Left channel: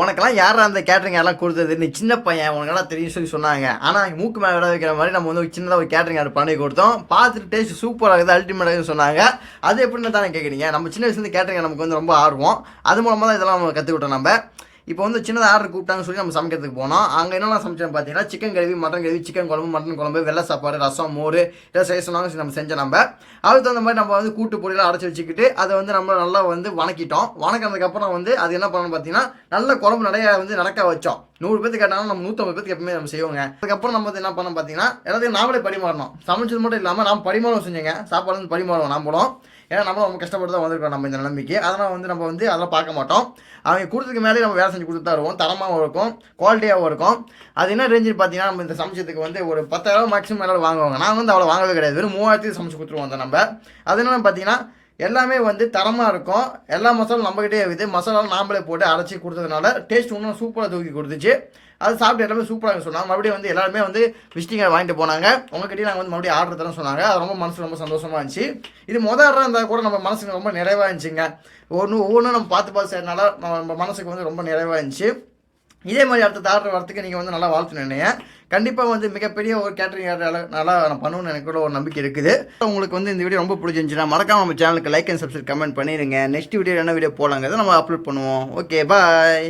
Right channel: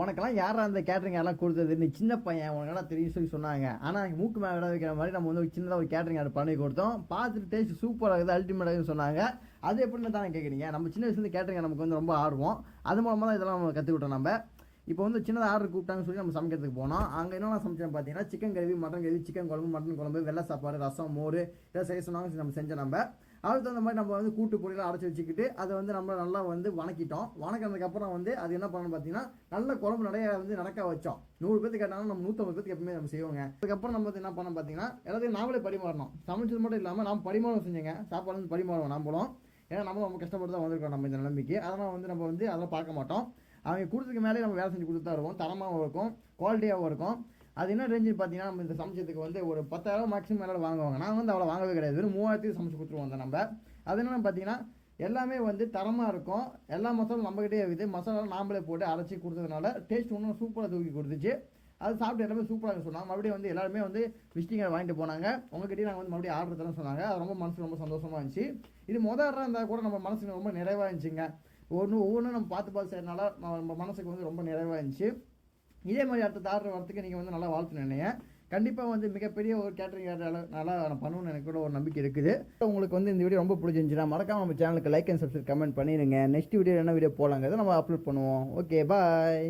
உனக்கெல்லாம் யாரா அந்த கேட்டரிங் எல்லாம் கொடுத்தது? நீ சின்ன பையன் உனக்கெல்லாம் தெரியும் சொல்லி சொன்னாங்க. ஆனால் மூக்கு மேலே விட வைக்கிற மாதிரி நம்ம வந்து ஒரு சின்னதாக ஒரு கேட்டரிங் ஆர்டர் பண்ணி கொடுத்தோம். பார்த்துட்டு டேஸ்ட் சூப்பராக இருக்குது அல்டிமேட்டாக சொன்னாங்க. அது எப்படின்னு தானே கேட்குறீங்க நம்ம சின்ன வயசுலேருந்து கேட்டரிங் நமக்கு வந்து ரொம்ப ஆர்வம். அது மூலமாக தான் இதெல்லாம் நம்ம கற்றுக்கிட்டோம் நம்ம. இப்போ வந்து சின்னதாக ஆர்டர் கூப்பிட்டாங்கன்னு சொல்லி நம்ம சமைக்கிறதுக்கு போனோம். அங்கே என்னென்ன சமைச்சோம் பார்த்தீங்கன்னா chicken gravy mutton gravy chicken குழம்பு மட்டன் குழம்பு வெள்ளை சாப்பாடு ரசம் மோர் இதெல்லாம் செய்ய சொன்னாங்க நம்ம செஞ்சோம் நம்ம. அதுக்கு தகுந்த மாதிரி நம்ம வந்து கூட்டு பொடியெல்லாம் அடைச்சி வச்சுக்கிட்டு அதை வந்து நம்ம நல்லா வந்து வணக்கிட்டோம். வணக்கினதுக்கப்புறம் வந்து அது என்ன பண்ணணும் பார்த்தீங்கன்னா நல்ல குழம்பு நிறைய வந்து நடக்க வச்சோம். நூறு பேருக்கு கேட்டாலும் நம்ம நூற்றம்பது பேருக்கு எப்பவுமே நம்ம செய்வோங்க. அதுக்கப்புறம் நம்ம வந்து என்ன பண்ணோம் பார்த்தீங்கன்னா எல்லாத்தையும் நாமளே பரிமாறணும். சமைச்சது மட்டும் இல்லாமல் நாம் பரிமாறம் செஞ்சோங்க. சாப்பாடு வந்து பரிமாறணும் நாமளும். ஏன்னா நம்ம ரொம்ப கஷ்டப்பட்டு தான் வந்திருக்கோம் நம்ம இந்த நிலைமைக்கு. அதனால் வந்து நம்ம வந்து அதெல்லாம் பார்க்க மாட்டோம். அவங்க கொடுத்ததுக்கு மேலே நம்ம வேலை செஞ்சு கொடுத்து தான் வருவோம். தரமாகவும் இருக்கும் குவாலிட்டியாகவும் இருக்கும். அது என்ன ரேஞ்சு பார்த்தீங்கன்னா நம்ம இந்த சமைச்சதுக்கு வந்து ஒரு பத்தாயிரம் மேக்ஸிமம் மேலே வாங்குவாங்க. நான் வந்து அவ்வளோ வாங்கவே கிடையாது. வெறும் மூவாயிரத்துக்கு சமைச்சு கொடுத்துருவோம் அந்த நம்ம. அது என்னென்னு பார்த்தீங்கன்னா எல்லாமே வந்து தரமாக இருக்கும். எல்லா மசாலும் நம்மகிட்டே இருக்குது. மசாலாவும் நாம்பளே போட்டு அரைச்சி கொடுத்ததுனால டேஸ்ட் இன்னும் சூப்பராக தூக்கி கொடுத்துச்சு. அது சாப்பிட்டு எல்லாமே சூப்பராக சொன்னாங்க. மறுபடியும் வந்து எல்லாருமே வந்து விசிட்டிங் வாங்கிட்டு போனாங்க. உங்ககிட்டயும் நாங்கள் வந்து மறுபடியும் ஆர்டர் தரேன் சொன்னாங்க. அது ரொம்ப மனசு ரொம்ப சந்தோஷமாக இருந்துச்சு. இது மொதல் ஆர்டராக இருந்தால் கூட நம்ம மனசுக்கு ரொம்ப நிறைவாக இருந்துச்சுங்க. ஒன்று ஒவ்வொன்றும் நம்ம பார்த்து பார்த்து செய்யறதுனால நம்ம மனசுக்கு வந்து ரொம்ப நிறைவாக இருந்துச்சு. இதே மாதிரி அடுத்த தாடுற வரத்துக்கு நீங்கள் வந்து நல்லா வாழ்த்து நினைங்க. கண்டிப்பாக வந்து மிகப்பெரிய ஒரு கேட்டரிங் நல்லா நான் பண்ணுவேன்னு எனக்கு கூட ஒரு நம்பிக்கை இருக்குது. உங்களுக்கு வந்து இந்த வீடியோ ரொம்ப பிடிச்சிருந்துச்சுன்னா மறக்காம நம்ம சேனலுக்கு லைக் அண்ட் சப்ஸ்கிரைப் கமெண்ட் பண்ணிடுங்க நெக்ஸ்ட் வீடியோ என்ன வீடியோ போலாங்கிறத நம்ம அப்லோட் பண்ணுவோம். Okay bye